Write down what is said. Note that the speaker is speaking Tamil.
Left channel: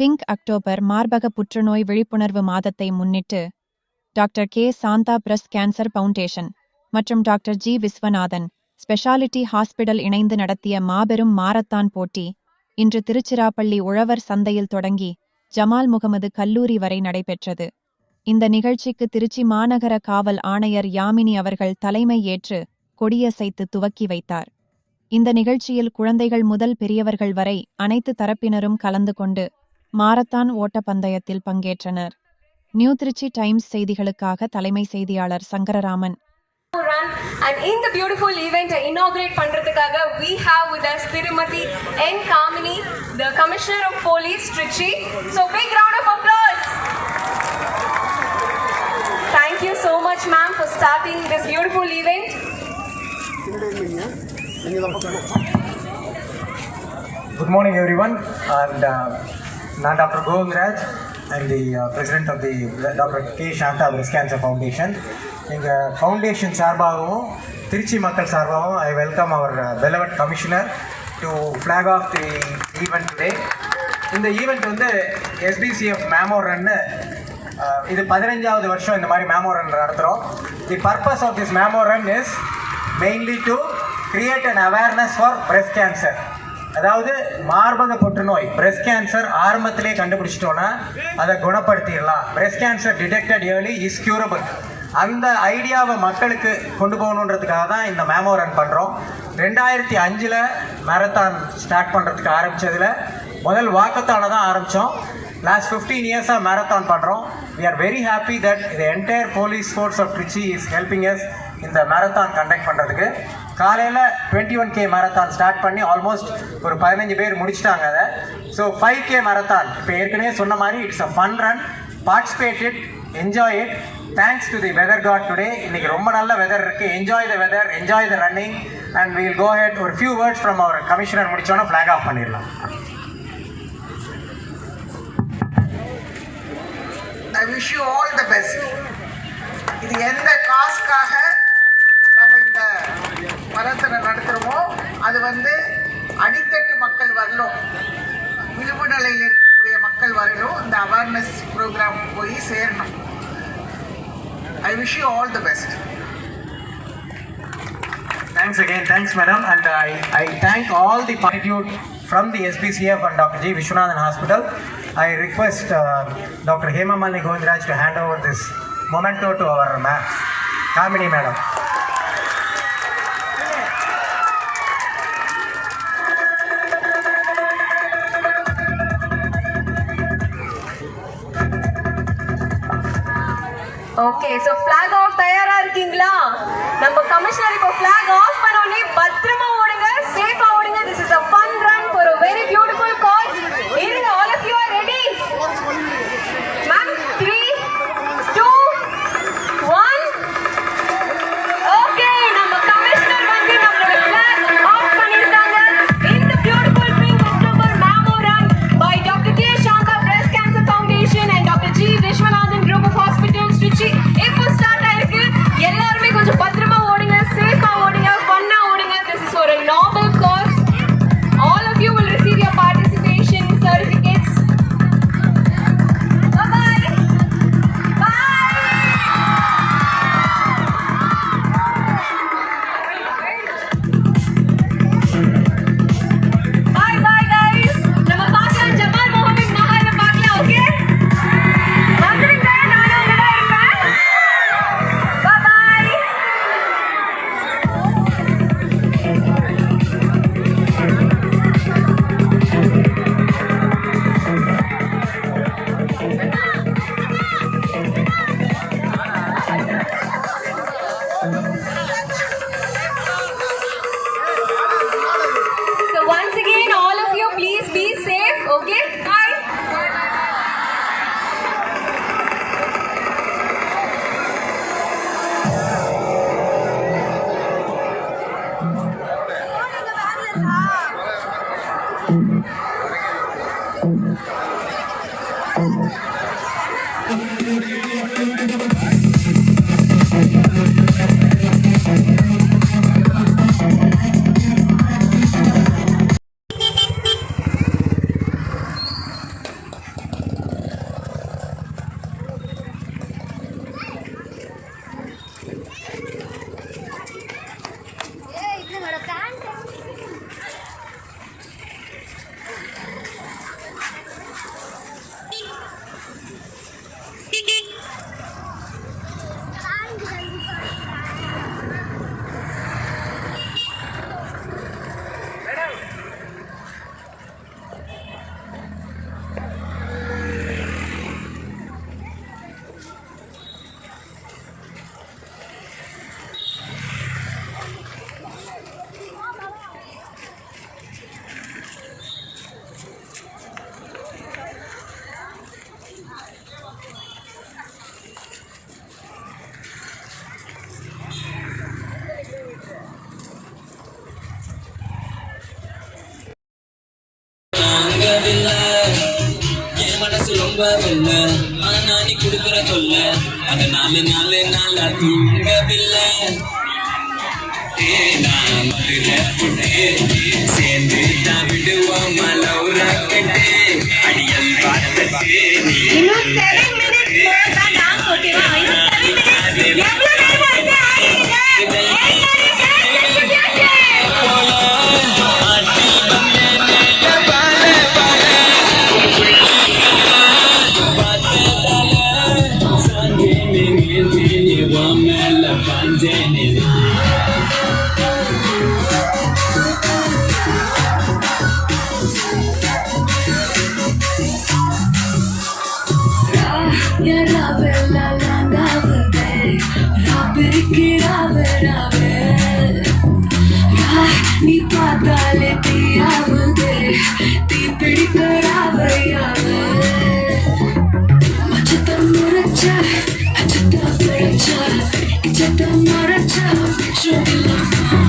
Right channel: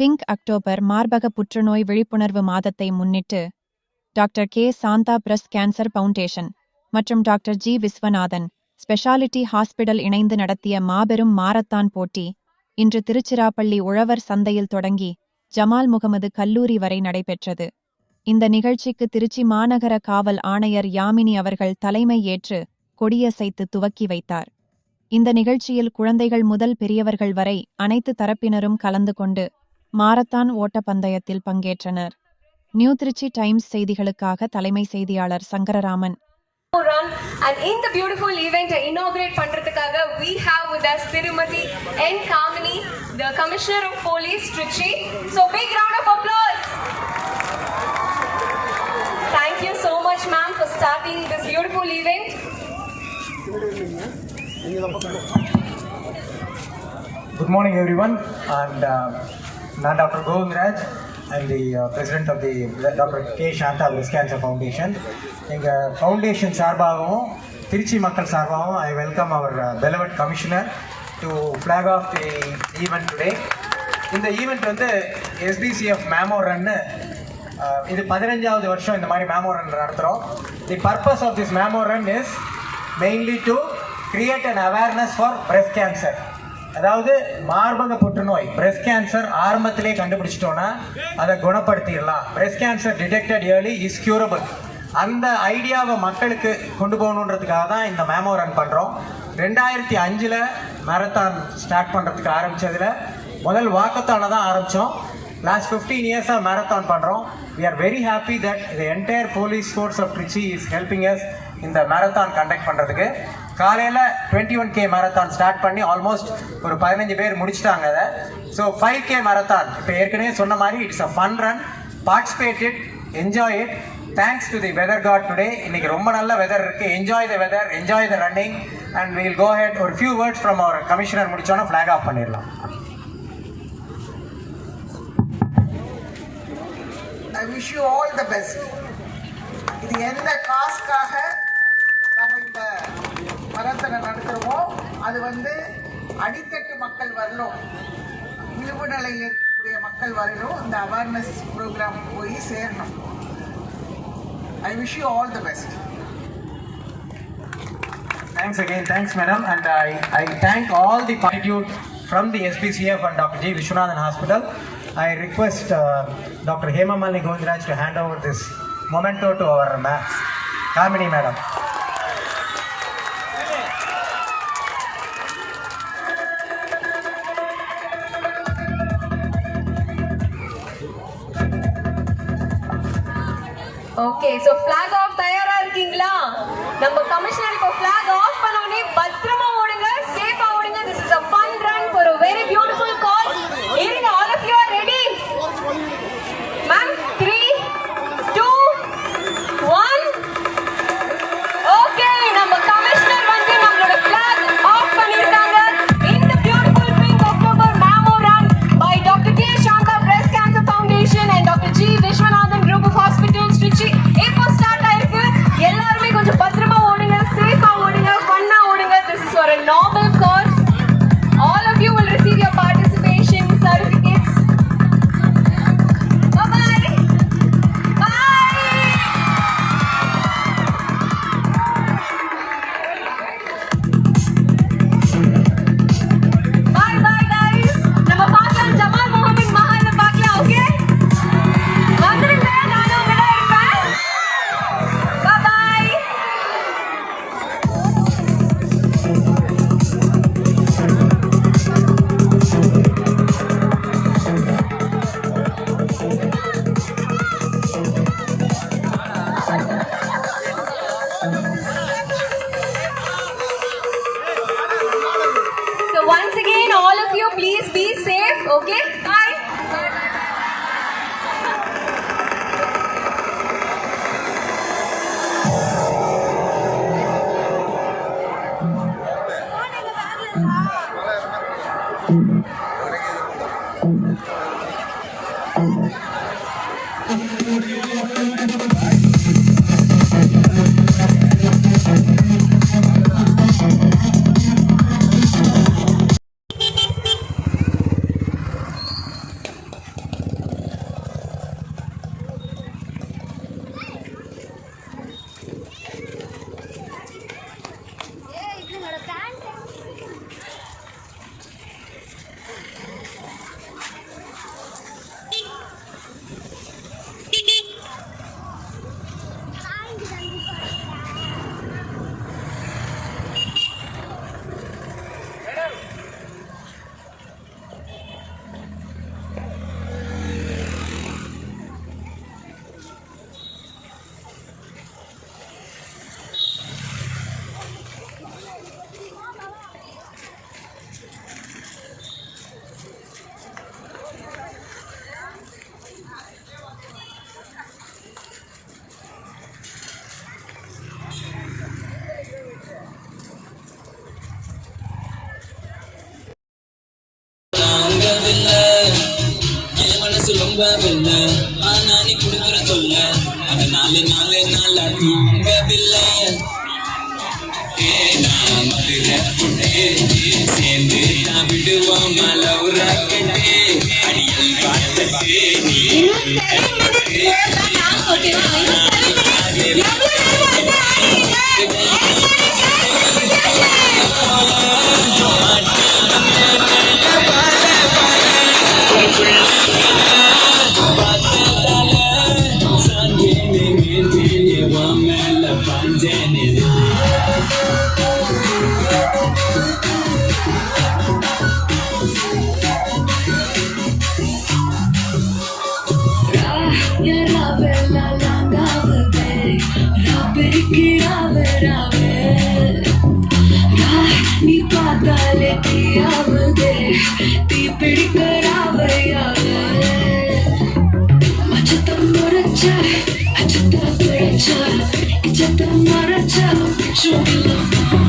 பிங்க் அக்டோபர் மார்பக புற்றுநோய் விழிப்புணர்வு மாதத்தை முன்னிட்டு doctor K Shanta breast cancer foundation மற்றும் doctor G Viswanathan speciality hospital இணைந்து நடத்திய மாபெரும் மாரத்தான் போட்டி இன்று திருச்சிராப்பள்ளி உழவர் சந்தையில் தொடங்கி ஜமால் முகமது கல்லூரி வரை நடைபெற்றது. இந்த நிகழ்ச்சிக்கு திருச்சி மாநகர காவல் ஆணையர் யாமினி அவர்கள் தலைமை ஏற்று கொடியசைத்து துவக்கி வைத்தார். இந்த நிகழ்ச்சியில் குழந்தைகள் முதல் பெரியவர்கள் வரை அனைத்து தரப்பினரும் கலந்து கொண்டு மாரத்தான் ஓட்ட பந்தயத்தில் பங்கேற்றனர். நியூ திருச்சி டைம்ஸ் செய்திகளுக்காக தலைமை செய்தியாளர் Sankararaman. And in the beautiful event inaugurate பண்றதுக்காக we have with us Tirumati N. Kamini, the Commissioner of Police, Trichy. So big round of applause. Thank you so much, ma'am, for starting this beautiful event. Good morning, everyone. And I'm Dr. Govindraj. I'm the president of the Dr. K. Shanta Breast Cancer Foundation. எங்கள் ஃபவுண்டேஷன் சார்பாகவும் திருச்சி மக்கள் சார்பாகவும் I welcome our beloved commissioner to flag off the event today. இந்த ஈவெண்ட் வந்து SBCF மேமோ ரன்னு இது 15வது வருஷம் இந்த மாதிரி மேமோ ரன் நடத்துகிறோம். The purpose of this mammo run is mainly to create an awareness for breast cancer. அதாவது மார்பக புற்றுநோய் breast cancer ஆரம்பத்திலே கண்டுபிடிச்சிட்டோன்னா அதை குணப்படுத்திடலாம். breast cancer detected early is curable. அந்த ஐடியாவை மக்களுக்கு கொண்டு போகணுன்றதுக்காக தான் இந்த மேமோ ரன் பண்ணுறோம். 2005 மேரத்தான் ஸ்டார்ட் பண்ணுறதுக்கு ஆரம்பித்ததில் முதல் வாக்கத்தான தான் ஆரம்பித்தோம். லாஸ்ட் 15 இயர்ஸாக மேரத்தான் பண்ணுறோம். We are very happy that the entire police force of Trichy is helping us இந்த மேரத்தான் கண்டக்ட் பண்ணுறதுக்கு. காலையில் 21K மேரத்தான் ஸ்டார்ட் பண்ணி ஆல்மோஸ்ட் ஒரு 15 பேர் முடிச்சிட்டாங்க அதை. ஸோ 5K மேரத்தான் இப்போ ஏற்கனவே சொன்ன மாதிரி it's a fun run. Participate it, enjoy it. Thanks to the weather god today. இன்னைக்கு ரொம்ப நல்ல வெதர் இருக்கு. Enjoy the weather, enjoy the running and we will go ahead. ஒரு few words from our commissioner முடிச்சோன்னா ஃபிளாக் ஆஃப் பண்ணிடலாம். I wish you all the best. இது எந்த காசுக்காக நம்ம இந்த மரத்தனை நடத்துகிறோமோ அது வந்து அடித்தட்டு மக்கள் வரலும், விளிம்பு நிலையில் இருக்கக்கூடிய மக்கள் வரலும் இந்த அவேர்னஸ் ப்ரோக்ராம் போய் சேரணும். I wish you all the best. Thanks again. Thanks, madam. And I thank all the gratitude from the SBCF and Dr. G. Vishwanathan Hospital. I request Dr. Hemamali Govindraj to hand over this memento to our Kamini madam. Okay, so flag off தயாரா இருக்கீங்களா? நம்ம கமிஷனர் இப்போ flag off பண்ணோனே பத்திரமா ஓடுங்க, சேஃபா ஓடுங்க. This is a fun run for a very beautiful cause. Irunga, all of you are ready? Ma'am, 3, 2, 1. Okay, நம்ம கமிஷனர் வந்து நம்மளோட flag off பண்ணிருக்காங்க. In the beautiful Pink October Mammo Run by Dr. K. Shanta Breast Cancer Foundation and Dr. G. Vishwanathan Group of Hospitals, Trichy. இப்போ ஸ்டார்ட் ஆயிருக்கு. எல்லாருமே கொஞ்சம் பத்திரமா ஓடுங்க, சேஃபா ஓடுங்க, ஃபன்னா ஓடுங்க. This is for a noble cause. All of you will receive your participation certificates. Bye bye. Bye bye guys. நம்ம பார்க்கலாம் ஜமால் முகமது மஹால பார்க்கலாம். ஓகே, வந்துருங்க, நானும் உங்களோட இருப்பேன். Bye bye. So once again, all of you, please be safe. Okay, bye. தூங்கவில்லை ஆனா நீ குடுக்குற கொல்ல அதனால நாளா தூங்கவில்லை நான் மதுரை புட்டு சேர்ந்து தான் விடுவோம் லவ் ராக்கெட்டு அடியல் பார்த்தட்டு நீ பார்த்தாலே தீயாவுதே தீ பிடிக்கிறாவையாவே மச்சத்தம் முறைச்சா அச்சத்தம் பிழைச்சா இச்சத்தம் மறைச்சா சுகிலாம்